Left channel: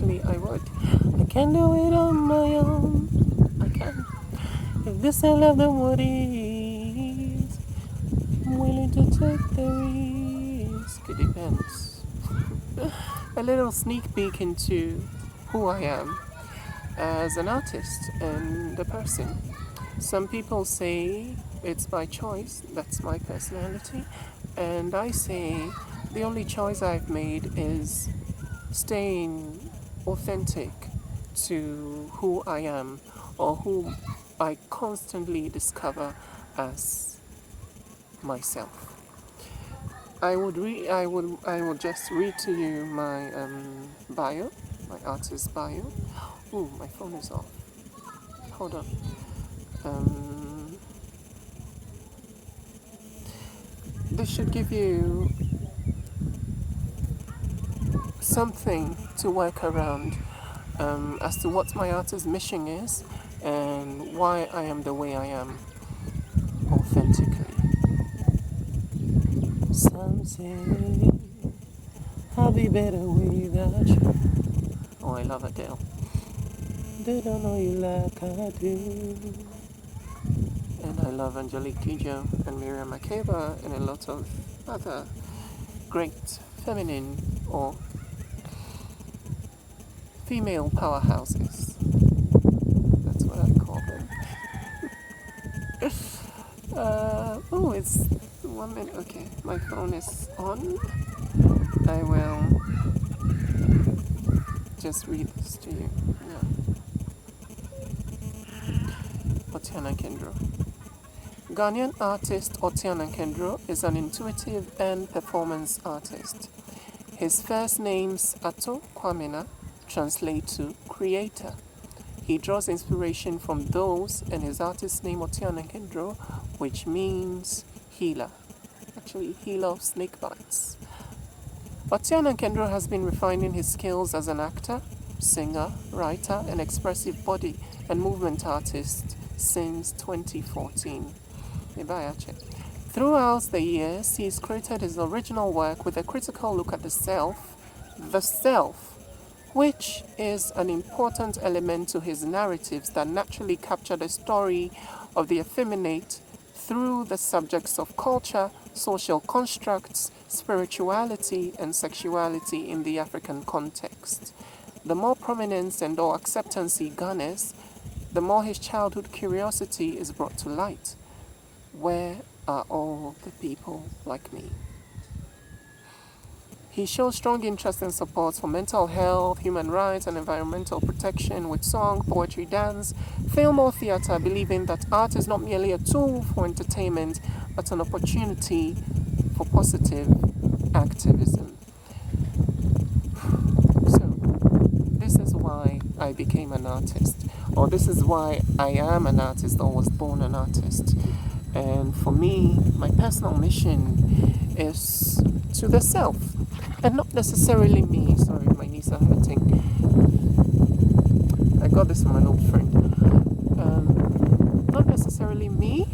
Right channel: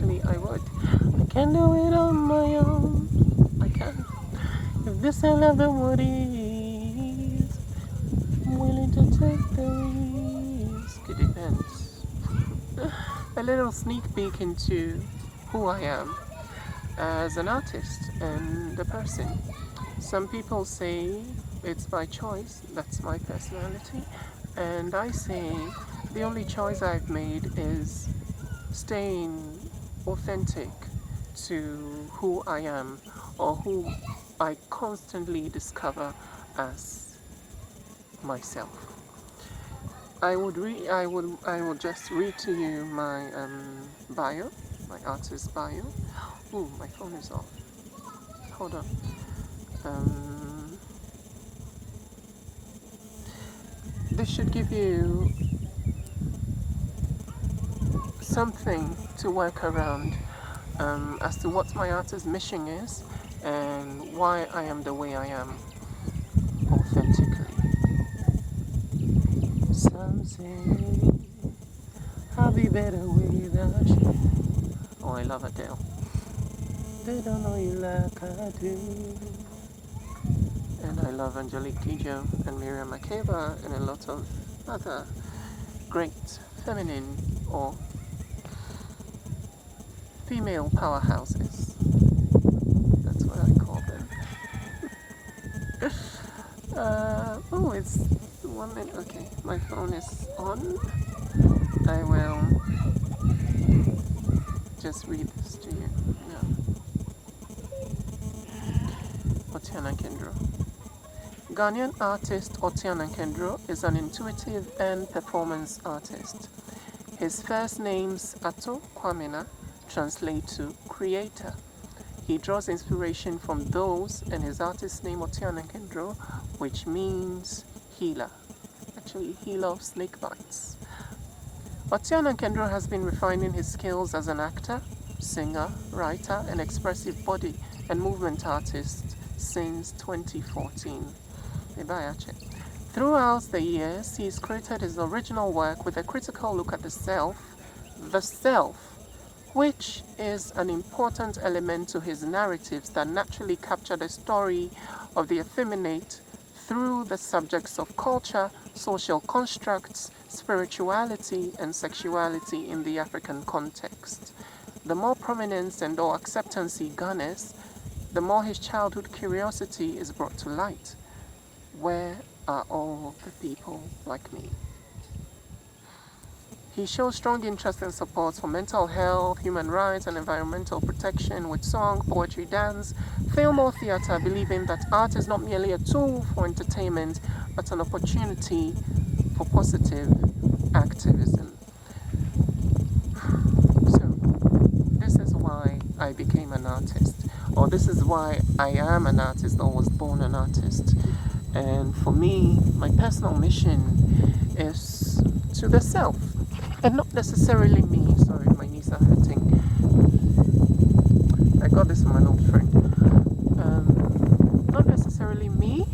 Actually, I would. I can do it on my own. I can. If this I love, then what is? I'm willing to take the risk. It depends. A little sneak peek into who I am as an artist and a person. Some people say it's by choice, that's my personality, and I say the only choice I've made is staying authentic to who I am or who I constantly discover as myself. I will just read to you my bio, my artist bio. Ooh, my phone is off. Hold on. This should give you something to work around as to what my artist mission is and why I am the way I am authentically. Some say I'll be better without you. Oh, I love Adele. They don't know you like I do. And I love Angelique Kojo and Miriam Makeba and a lot of other great feminine or female powerhouses. That's what I call them. It's 1 minute. Okay, my phone is on. I will just read this to you now. Otiana Kendro. Ghanaian artist Otiana Kendro is an intuitive and performance artist. His first names Ato Kwamena translate to creator. He draws inspiration from those and his artist name Otiana Kendro, which means healer. Actually, healer of snake bites. Otiana Kendro has been refining his skills as an actor, singer, writer, and expressive body and movement artist since 2014. Throughout the years, he's created his original work with a critical look at the self, which is an important element to his narratives that naturally capture the story of the effeminate through the subjects of culture, social constructs, spirituality, and sexuality in the African context. The more prominence and or acceptance he garners, the more his childhood curiosity is brought to light. Where are all the people like me? He shows strong interest and support for mental health, human rights, and environmental protection with song, poetry, dance, film, or theater, believing that art is not merely a tool for entertainment, but an opportunity for positive activism. So, this is why I became an artist, or this is why I am an artist or was born an artist. And for me, my personal mission is to the self, and not necessarily me. Sorry, my knees are hurting. I got this from an old friend. Not necessarily me,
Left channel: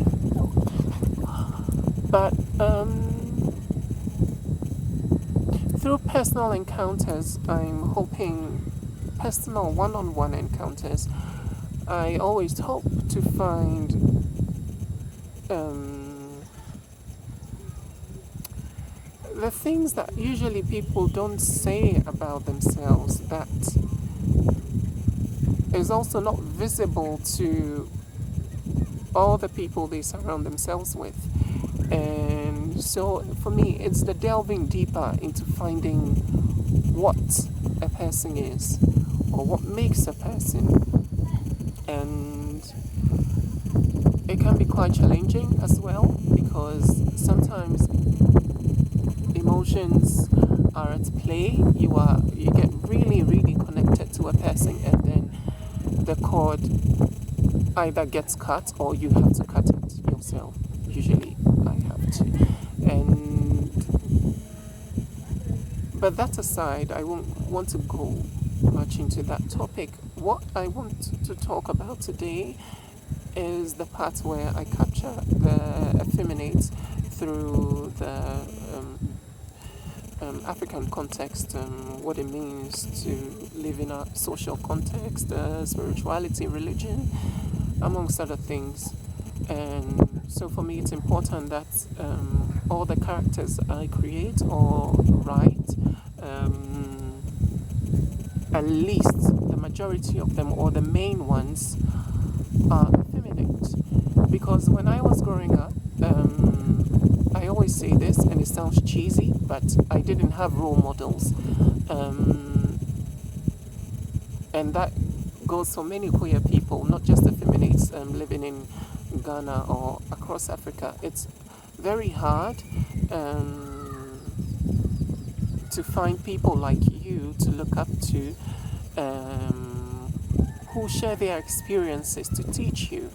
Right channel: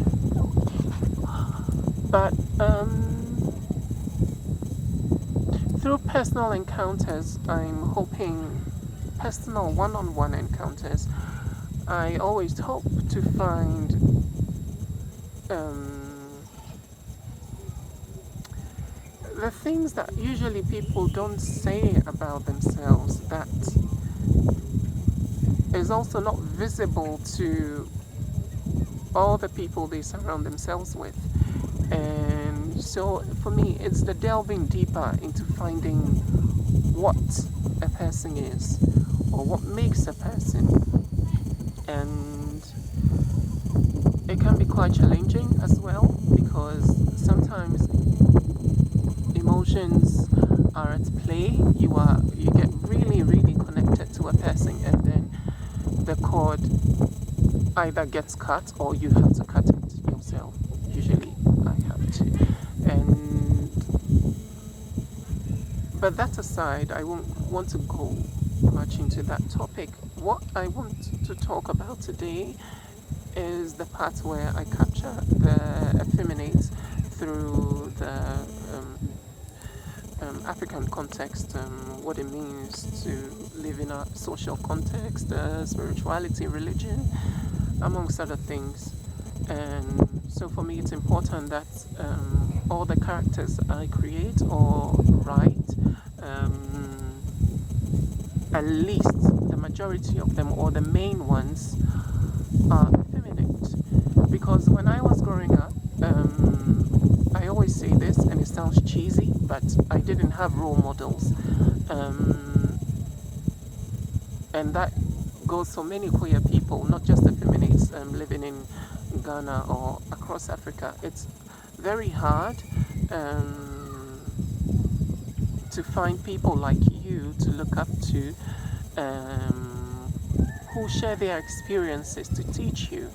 but through personal encounters, I'm hoping, personal one-on-one encounters, I always hope to find the things that usually people don't say about themselves, that is also not visible to all the people they surround themselves with. And so for me, it's the delving deeper into finding what a person is or what makes a person. And it can be quite challenging as well, because sometimes emotions are at play. You get really, really connected to a person, and then the cord either gets cut or you have to cut it yourself. Usually I have to. But that aside, I won't want to go much into that topic. What I want to talk about today is the part where I capture the effeminates through the African context, what it means to live in a social context, spirituality, religion, amongst other things. And so for me, it's important that all the characters I create or write, at least the majority of them or the main ones are effeminate. Because when I was growing up, I always say this and it sounds cheesy, but I didn't have role models. And that goes for many queer people, not just effeminates living in Ghana or across Africa. It's very hard to find people like you to look up to, who share their experiences to teach you.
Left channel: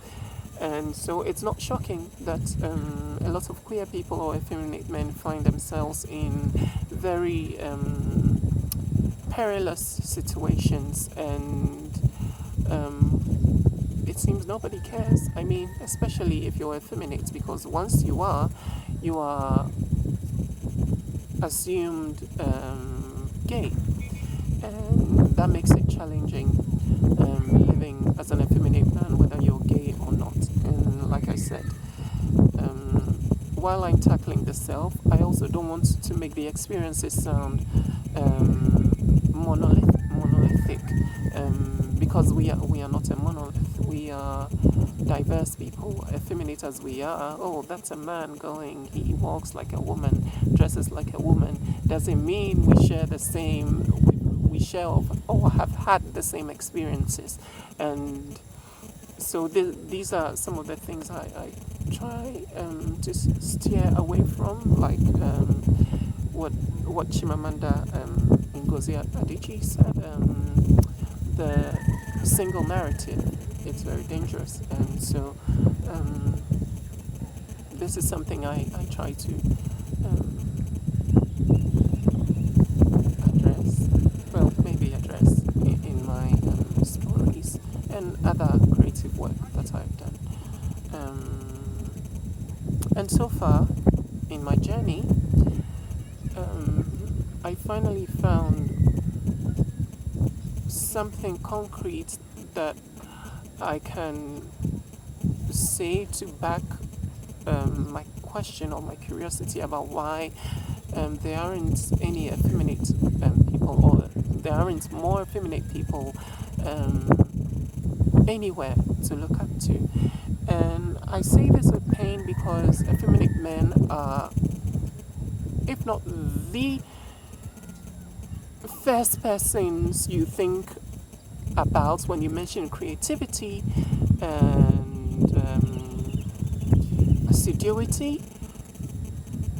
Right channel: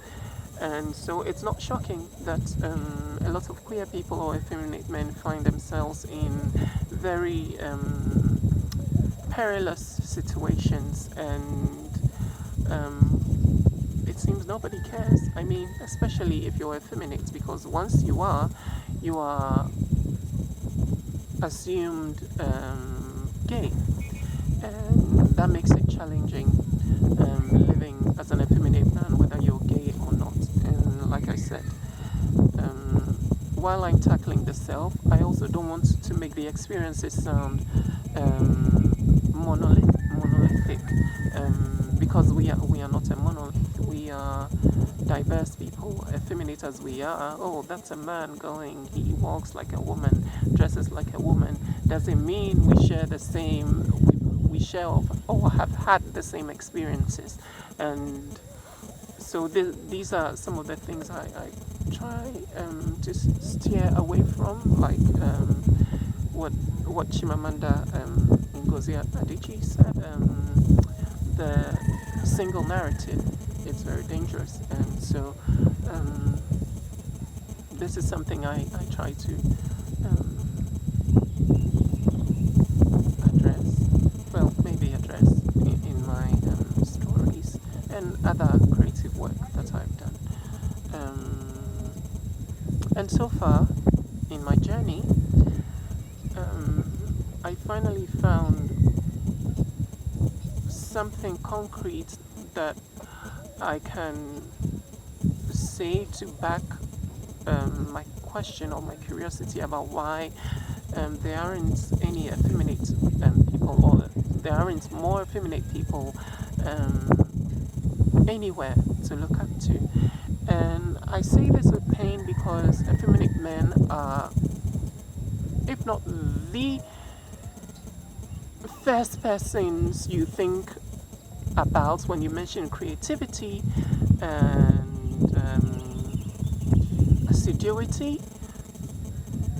And so it's not shocking that a lot of queer people or effeminate men find themselves in very perilous situations, and it seems nobody cares. I mean, especially if you're effeminate, because once you are assumed gay, and that makes it challenging living as an effeminate man, whether you're gay or not. And like I said, while I'm tackling the self, I also don't want to make the experiences sound monolithic, because we are not a monolith. We are diverse people, effeminate as we are. Oh, that's a man going, he walks like a woman, dresses like a woman. Doesn't mean we share the same, we share or have had the same experiences. And so these are some of the things I try to steer away from, like what Chimamanda Ngozi Adichie said, the single narrative. It's very dangerous, and so this is something I try to address, well, maybe address in my stories and other creative work that I've done. And so far in my journey, I finally found something concrete that I can say to back my question or my curiosity about why there aren't any effeminate people, or there aren't more effeminate people anywhere to look up to. And I say this with pain because effeminate men are, if not the first persons you think about when you mention creativity and assiduity,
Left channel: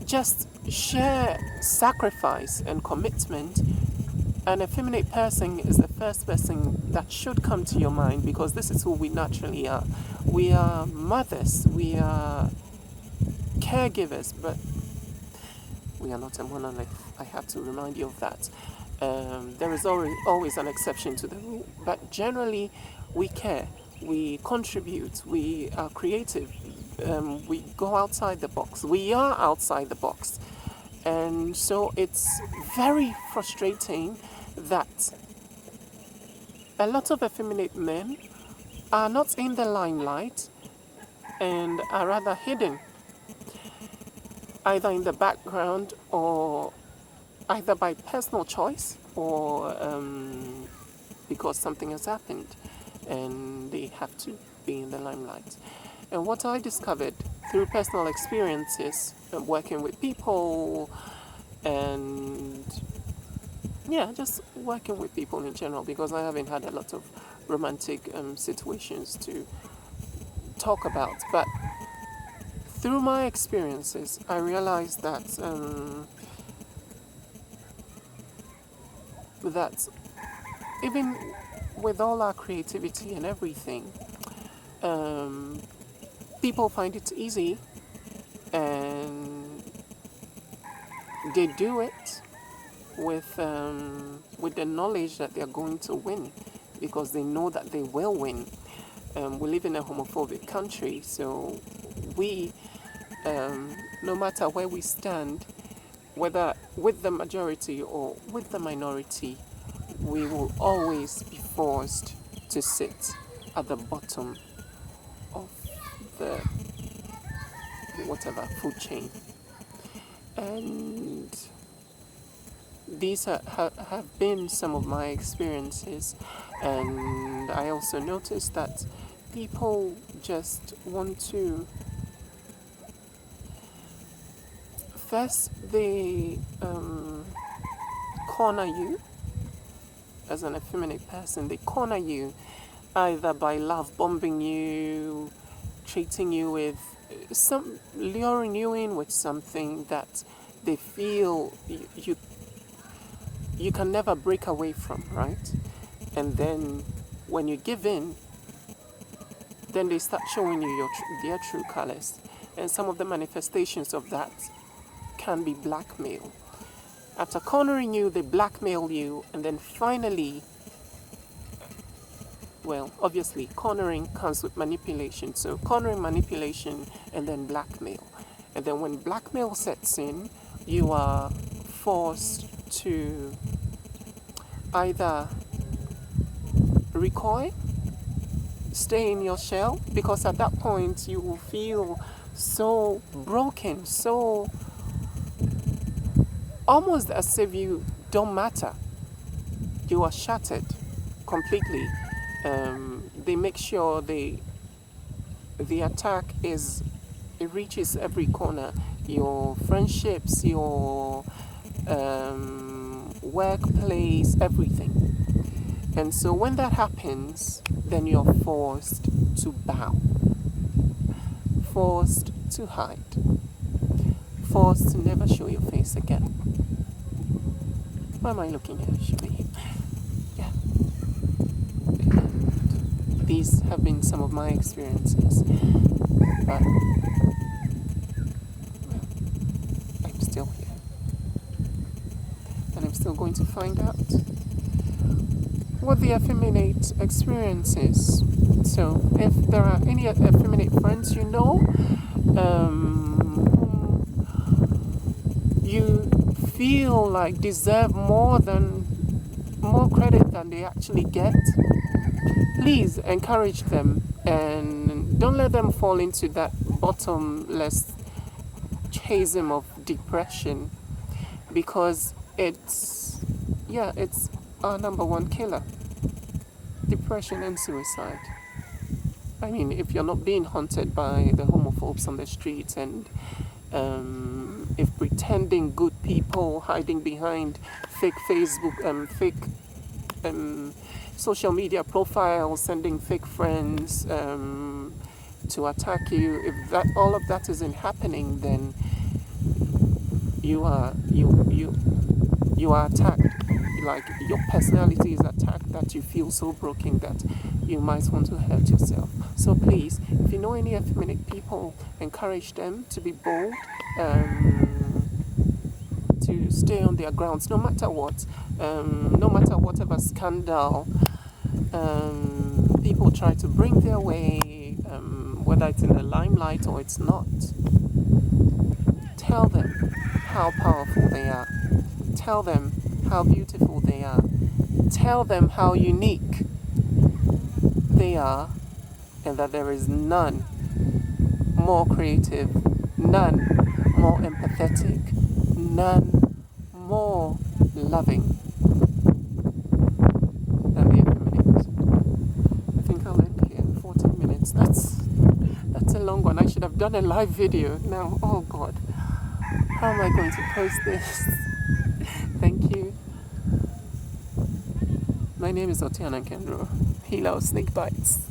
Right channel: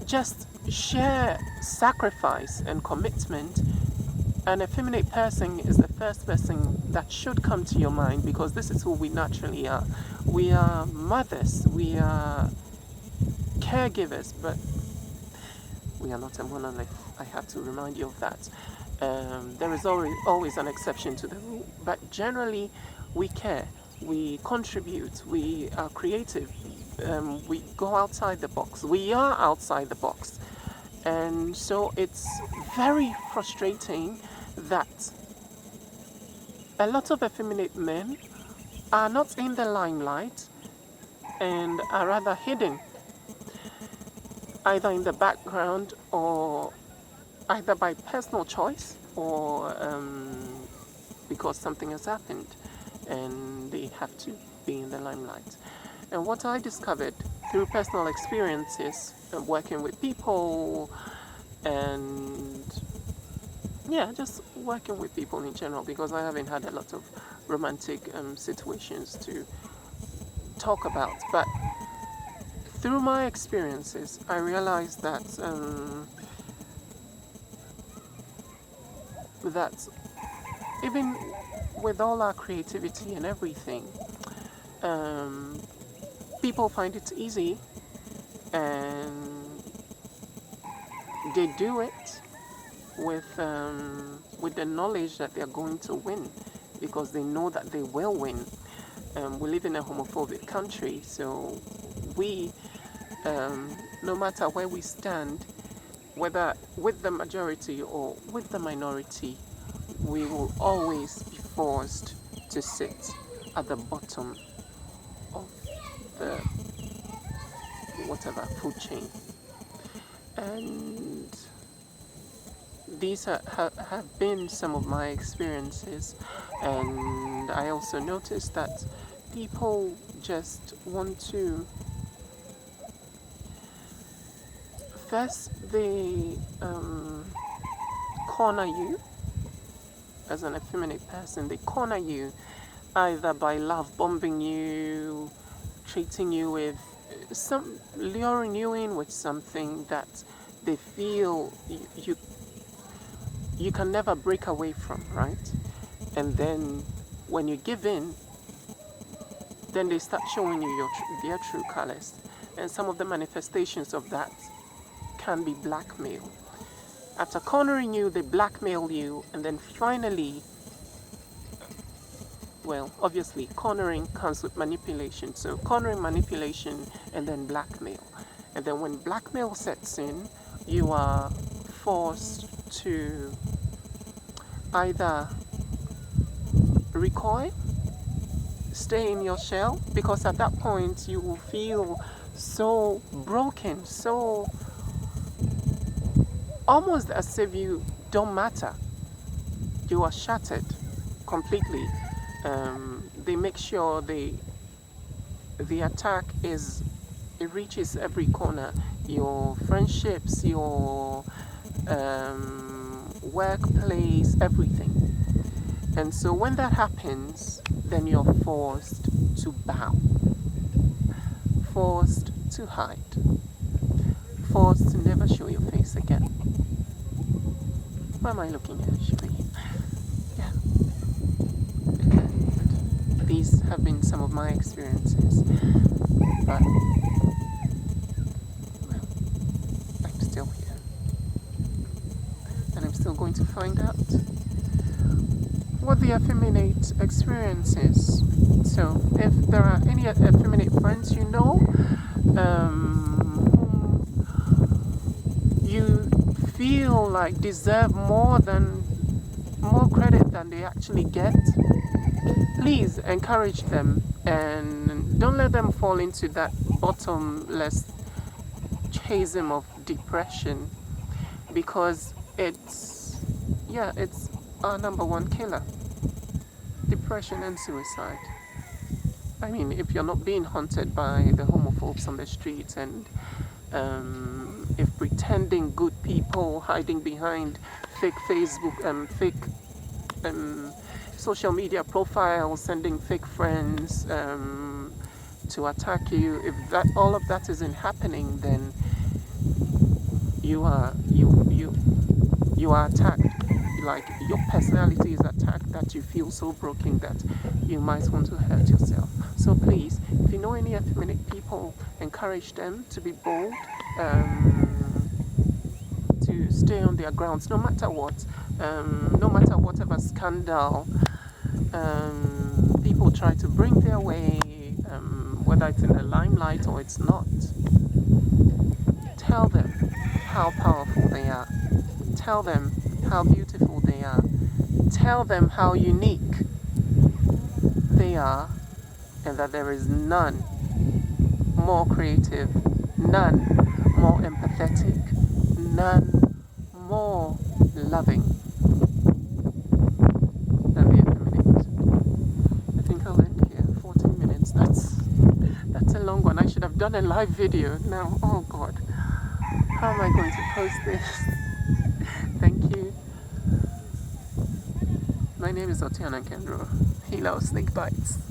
just sheer sacrifice and commitment. An effeminate person is the first person that should come to your mind, because this is who we naturally are. We are mothers, we are caregivers, but we are not a monolith. I have to remind you of that. There is always an exception to the rule, but generally we care, we contribute, we are creative, we go outside the box, we are outside the box. And so it's very frustrating that a lot of effeminate men are not in the limelight and are rather hidden, either in the background or either by personal choice or because something has happened and they have to be in the limelight. And what I discovered through personal experiences, working with people and just working with people in general, because I haven't had a lot of romantic situations to talk about, but through my experiences I realized that that even with all our creativity and everything, people find it easy and they do it with the knowledge that they're going to win, because they know that they will win. We live in a homophobic country, so we, no matter where we stand, whether with the majority or with the minority, we will always be forced to sit at the bottom of the whatever food chain. And these have been some of my experiences, and I also noticed that people just want to first they corner you as an effeminate person. They corner you either by love bombing you, treating you with luring you in with something that they feel you can never break away from, right? And then when you give in, then they start showing you their true colors. And some of the manifestations of that can be blackmail. After cornering you, they blackmail you, and then finally, well, obviously, cornering comes with manipulation. So cornering, manipulation, and then blackmail. And then when blackmail sets in, you are forced to either recoil, stay in your shell, because at that point you will feel so broken, so almost as if you don't matter. You are shattered completely. They make sure the attack reaches every corner. Your friendships, your workplace, everything. And so when that happens, then you're forced to bow, forced to hide, forced to never show your face again. Why am I looking at? Should be, yeah. And these have been some of my experiences, but well, I'm still here, and I'm still going to find out what the effeminate experience is. So if there are any effeminate friends you know, whom you feel like deserve more credit than they actually get, please encourage them and don't let them fall into that bottomless chasm of depression, because it's our number one killer. Depression and suicide. I mean, if you're not being haunted by the homophobes on the streets, and if pretending good people hiding behind fake Facebook, fake social media profiles, sending fake friends to attack you, if all of that isn't happening, then you are attacked. Like your personality is attacked, that you feel so broken that you might want to hurt yourself. So please, if you know any effeminate people, encourage them to be bold, to stay on their grounds, no matter what, no matter whatever scandal people try to bring their way, whether it's in the limelight or it's not. Tell them how powerful they are. Tell them how beautiful they are. Tell them how unique they are, and that there is none more creative, none more empathetic, none more loving than the effeminate. I think I'll end here. 14 minutes. That's a long one. I should have done a live video now. Oh God, how am I going to post this? Thank you. My name is Otiana Kendro, healer of snake bites.